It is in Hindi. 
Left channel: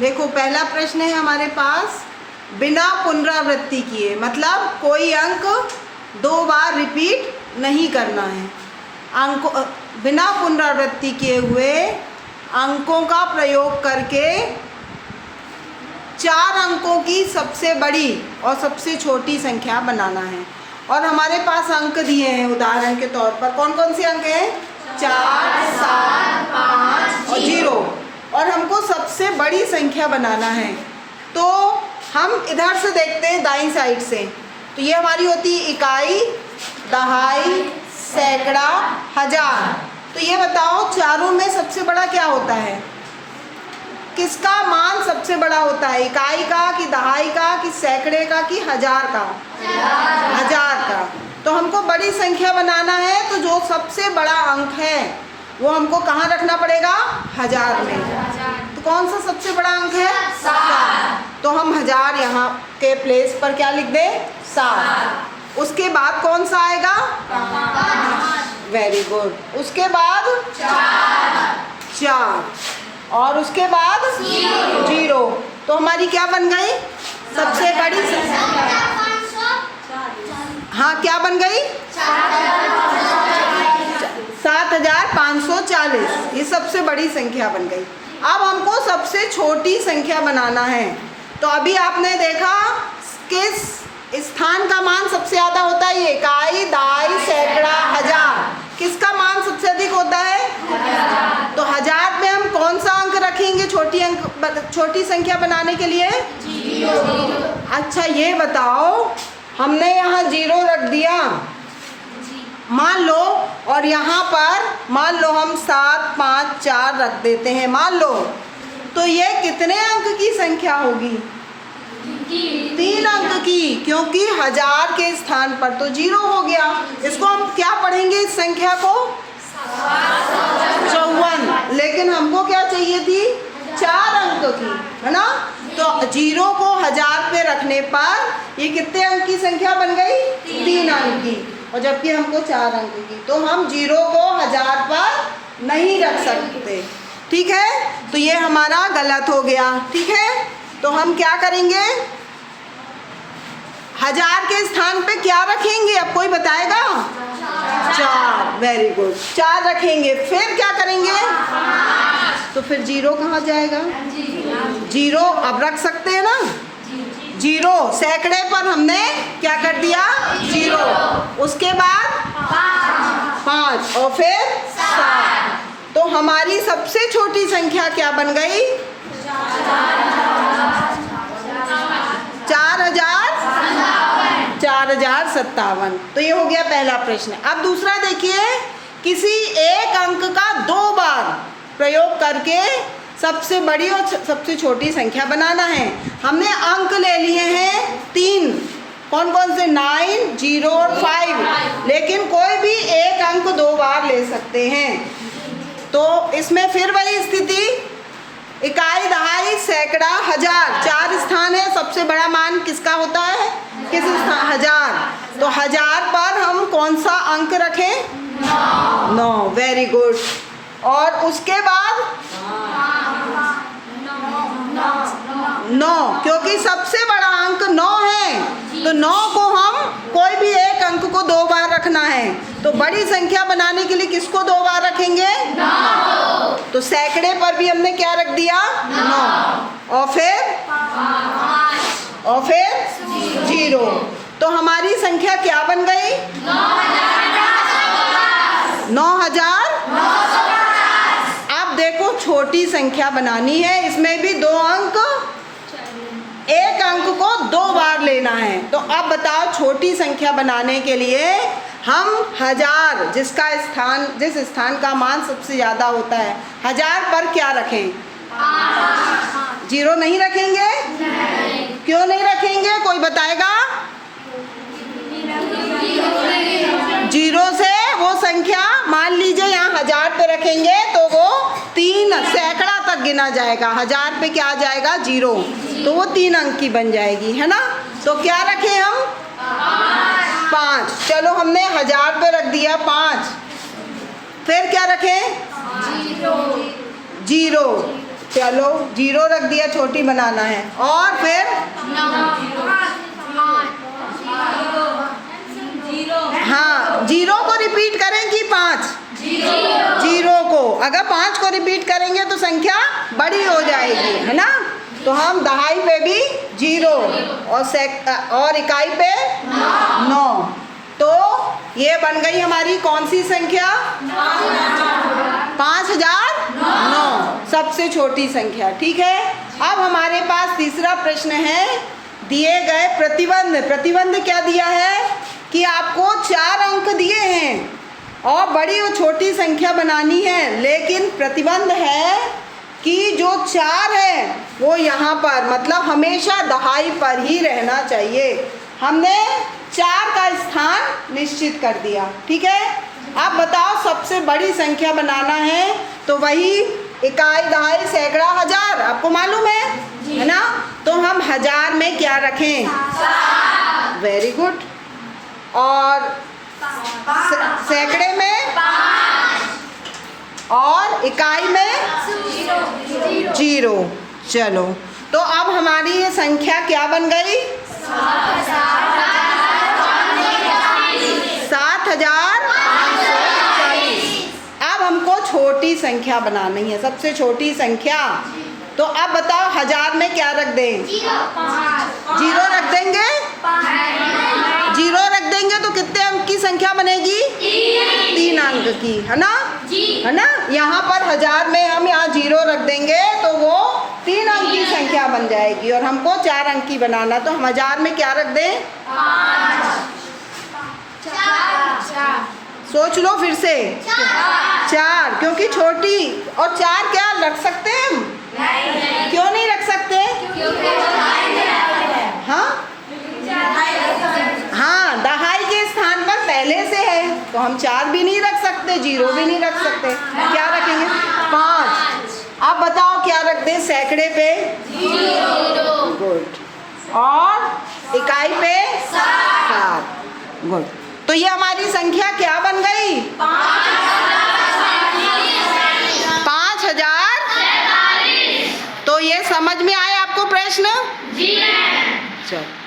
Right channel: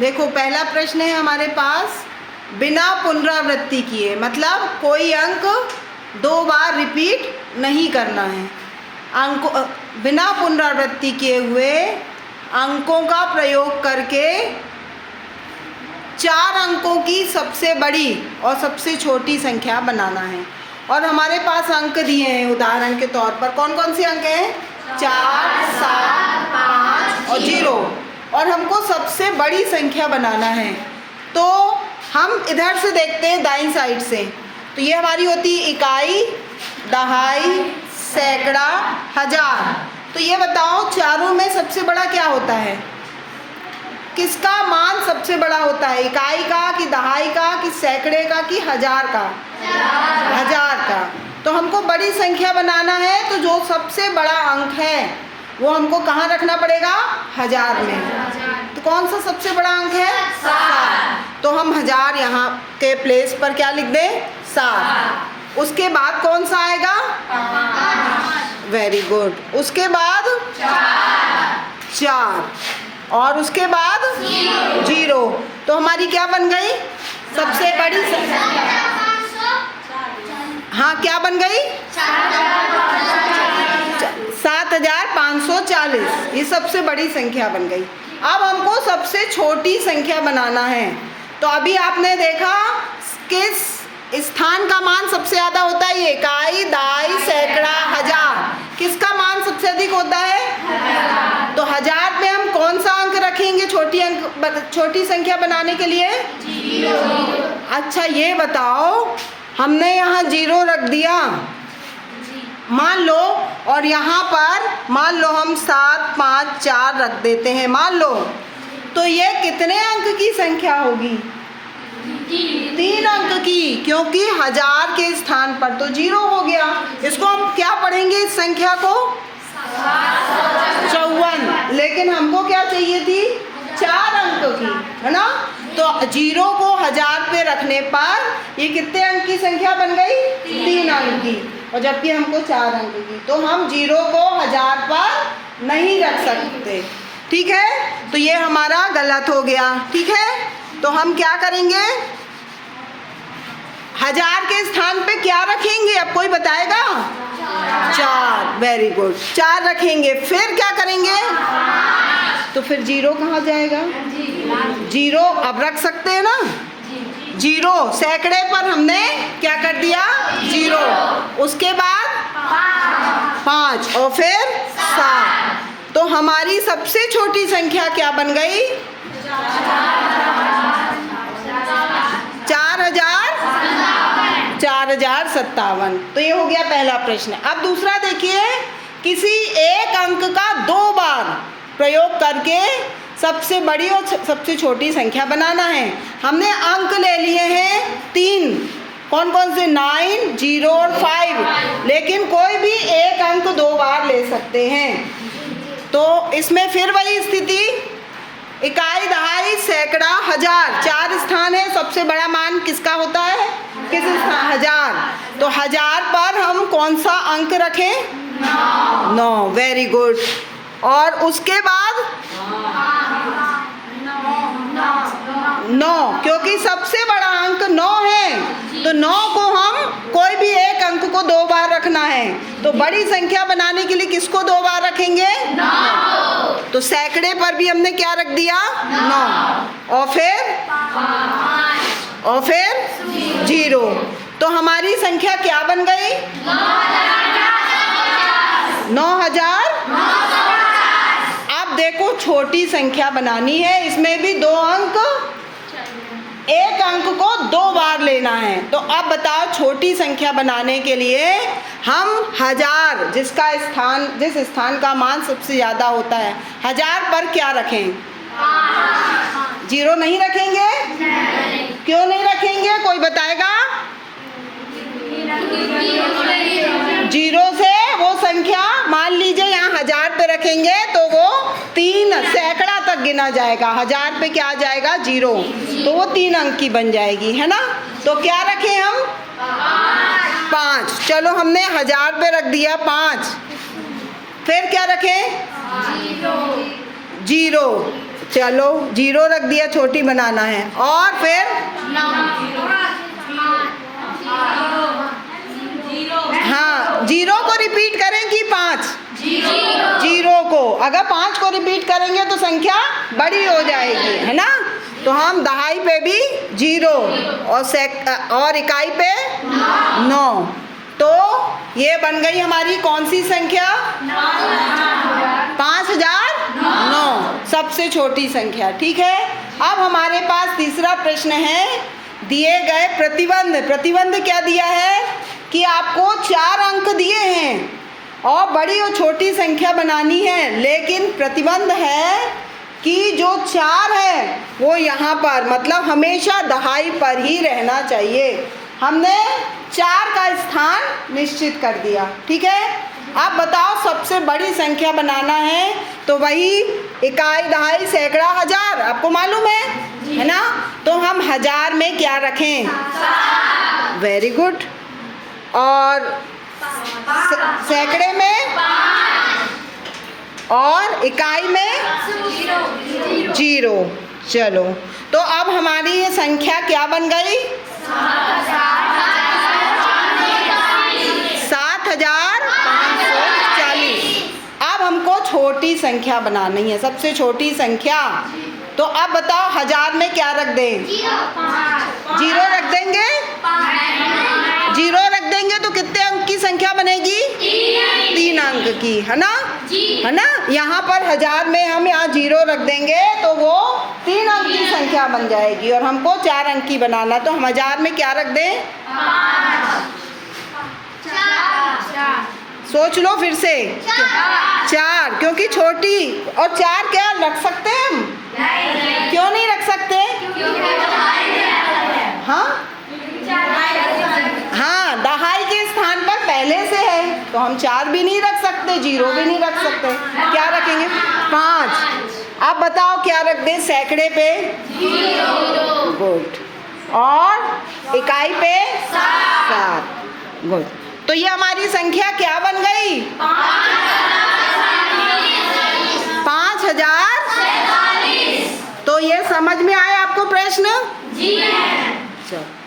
देखो पहला प्रश्न है हमारे पास, बिना पुनरावृत्ति किए, मतलब कोई अंक 2 बार रिपीट नहीं करना है। अंकों बिना पुनरावृत्ति किए हुए अंकों का प्रयोग करके 4 अंकों की सबसे बड़ी और सबसे छोटी संख्या बनाना है। और हमारे पास अंक दिए हैं उदाहरण के तौर पर। कौन कौन से अंक हैं? 4, 7, 5 और 0। और हमको सबसे बड़ी संख्या बनाना है। तो हम इधर से देखते हैं, दाईं साइड से। तो ये हमारी होती है इकाई, दहाई, सैकड़ा, हजार। तो ये बताओ चारों में सबसे बड़ा क्या होता है? किसका मान सबसे बड़ा होता है? इकाई का कि दहाई का कि सैकड़े का कि हजार का? हजार का। तो हमको बड़ी संख्या बनाना है, तो जो सबसे बड़ा अंक है वो हमको कहाँ रखना पड़ेगा? हजार में। तो कौन सा सबसे बड़ा अंक है? 7। तो हम हजार यहाँ के प्लेस पर क्या लिख दें? 7। उसके बाद कौन सा आएगा? 5। Very good. उसके बाद 4 और उसके बाद 0। तो हमारी क्या बन गई? सबसे बड़ी संख्या। हाँ, क्या बन गई? 7540। ये सबसे बड़ी संख्या बन गई। अब हमको सबसे छोटी संख्या बनाना है। तो अभी आपने देखा किस स्थान का मान सबसे ज़्यादा होता है? ये इकाई, दहाई, सैकड़ा, हजार। किसका मान सबसे अधिक होता है? तो हजार पे हम कौन सा अंक रखेंगे छोटी संख्या बनाने के लिए? 0। अच्छा ये बताओ, हमने यहाँ 0 रख दिया मान लो, और यहाँ पर मान लो हम 7, 5, 4 रख देते हैं मान लो, तो ये कितने अंक की संख्या होगी? 3 अंक की, क्योंकि हजार के स्थान पर तो 0 हो गया। इसको हम क्या पढ़ेंगे इस संख्या को? 54। लेकिन हमको क्या चाहिए थी? 4 अंक की, है ना? तो 0 को हजार पे रखने पर ये कितने अंक की संख्या बन गई? 3 अंक की। और जबकि हमको 4 अंक की, तो हम 0 को हजार पर नहीं रख सकते। ठीक है, तो ये हमारा गलत हो गया। ठीक है, तो हम क्या करेंगे? हजार के स्थान पे क्या रखेंगे? अब कोई बताएगा? 4। वेरी गुड, 4 रखेंगे। फिर क्या करेंगे? तो फिर 0 कहाँ जाएगा? 0 अब रख सकते हैं ना? 0 सैकड़े पर हमने क्या कर दिया? 0। उसके बाद 5 और फिर 7। तो हमारी सबसे छोटी संख्या क्या बन गई? 4057। तो ये हो गया पहला प्रश्न। अब दूसरा देखिए, किसी एक अंक का 2 बार प्रयोग करके सबसे बड़ी और सबसे छोटी संख्या बनाना है। हमने अंक ले लिए हैं 3। कौन कौन से? 9, 0 और 5। लेकिन कोई भी एक अंक 2 बार ले सकते हैं। तो इसमें फिर वही स्थिति, इकाई, दहाई, सैकड़ा, हजार, 4 स्थान है। सबसे बड़ा मान किसका होता है? किस स्थान? हजार। तो हजार पर हम कौन सा अंक रखें? 9। Very good. और उसके बाद 9, क्योंकि सबसे बड़ा अंक 9 है। तो 9 को हम कोई भी एक अंक को 2 बार रखना है। तो बड़ी संख्या बनाने के लिए किसको 2 बार रखेंगे? 9। तो सैकड़े पर भी हमने क्या रख दिया? 9। और फिर 0। तो हमारी संख्या क्या बन गई? 9000। अब देखो छोटी संख्या बनानी है, इसमें भी 2 अंक, एक अंक को 2 बार लेना है। तो अब बताओ छोटी संख्या बनाने के लिए हम हजार, जिस स्थान का मान सबसे ज़्यादा होता है, हजार पर क्या रखें? 0 नहीं रखेंगे? नहीं। क्यों नहीं रखेंगे? कोई बताएगा? 0 से वो संख्या, मान लीजिए यहाँ हजार पे रखेंगे तो वो 3 सैकड़ा तक गिना जाएगा। हजार पे क्या आ जाएगा? 0। तो वो 3 अंक की बन जाएगी, है ना? तो क्या रखें हम? 5। चलो हमने हजार पे रख दिया 5। फिर क्या रखें? 0। चलो 0 रख दिया, छोटी बनाना है। और फिर हाँ, 0 को रिपीट करें कि 5? 0 को, अगर 5 को रिपीट करेंगे तो संख्या बड़ी हो जाएगी, है ना। तो हम दहाई पे भी 0 और इकाई पे 9। तो ये बन गई हमारी कौन सी संख्या? 5009, सबसे छोटी संख्या। ठीक है, अब हमारे पास तीसरा प्रश्न है। दिए गए प्रतिबंध क्या दिया है कि आपको 4 अंक दिए हैं और बड़ी और छोटी संख्या बनानी है, लेकिन प्रतिबंध है कि जो 4 है वो यहाँ पर, मतलब हमेशा दहाई पर ही रहना चाहिए। हमने 4 का स्थान निश्चित कर दिया। ठीक है, अब बताओ सबसे बड़ी संख्या बनाना है तो वही इकाई, दहाई, सैकड़ा, हजार, आपको मालूम है ना। तो हम हजार में क्या रखें? Very good. और सैकड़े में और इकाई में 0। चलो, तो अब हमारी ये संख्या क्या बन गई? 7540। अब हमको छोटी संख्या बनानी है, सबसे छोटी संख्या। तो अब बताओ हजार में क्या रख दें? 0 रख देंगे। 0 रख देंगे तो कितने अंक की संख्या बनेगी? 3 अंक की, है ना, है ना। यहाँ पर हजार में हम यहाँ 0 रख देंगे तो वो 3 अंक की संख्या बन जाएगी और हमको 4 अंक की बनाना। तो हम हजार में क्या रख दें? 4। सोच लो फिर से। 4, क्योंकि छोटी। और 4 क्या रख सकते हैं हम? क्यों नहीं रख सकते? हाँ हाँ, दहाई के स्थान पर पहले से है तो हम 4 भी नहीं रख सकते, 0 भी नहीं रख सकते। क्या रखेंगे? 5। अब बताओ क्या रख दें सैकड़े पे? 0। गुड। और इकाई पे 7। गुड। तो ये हमारी संख्या क्या बन गई? 5000। तो ये समझ में आया आपको प्रश्न? जी। चलो।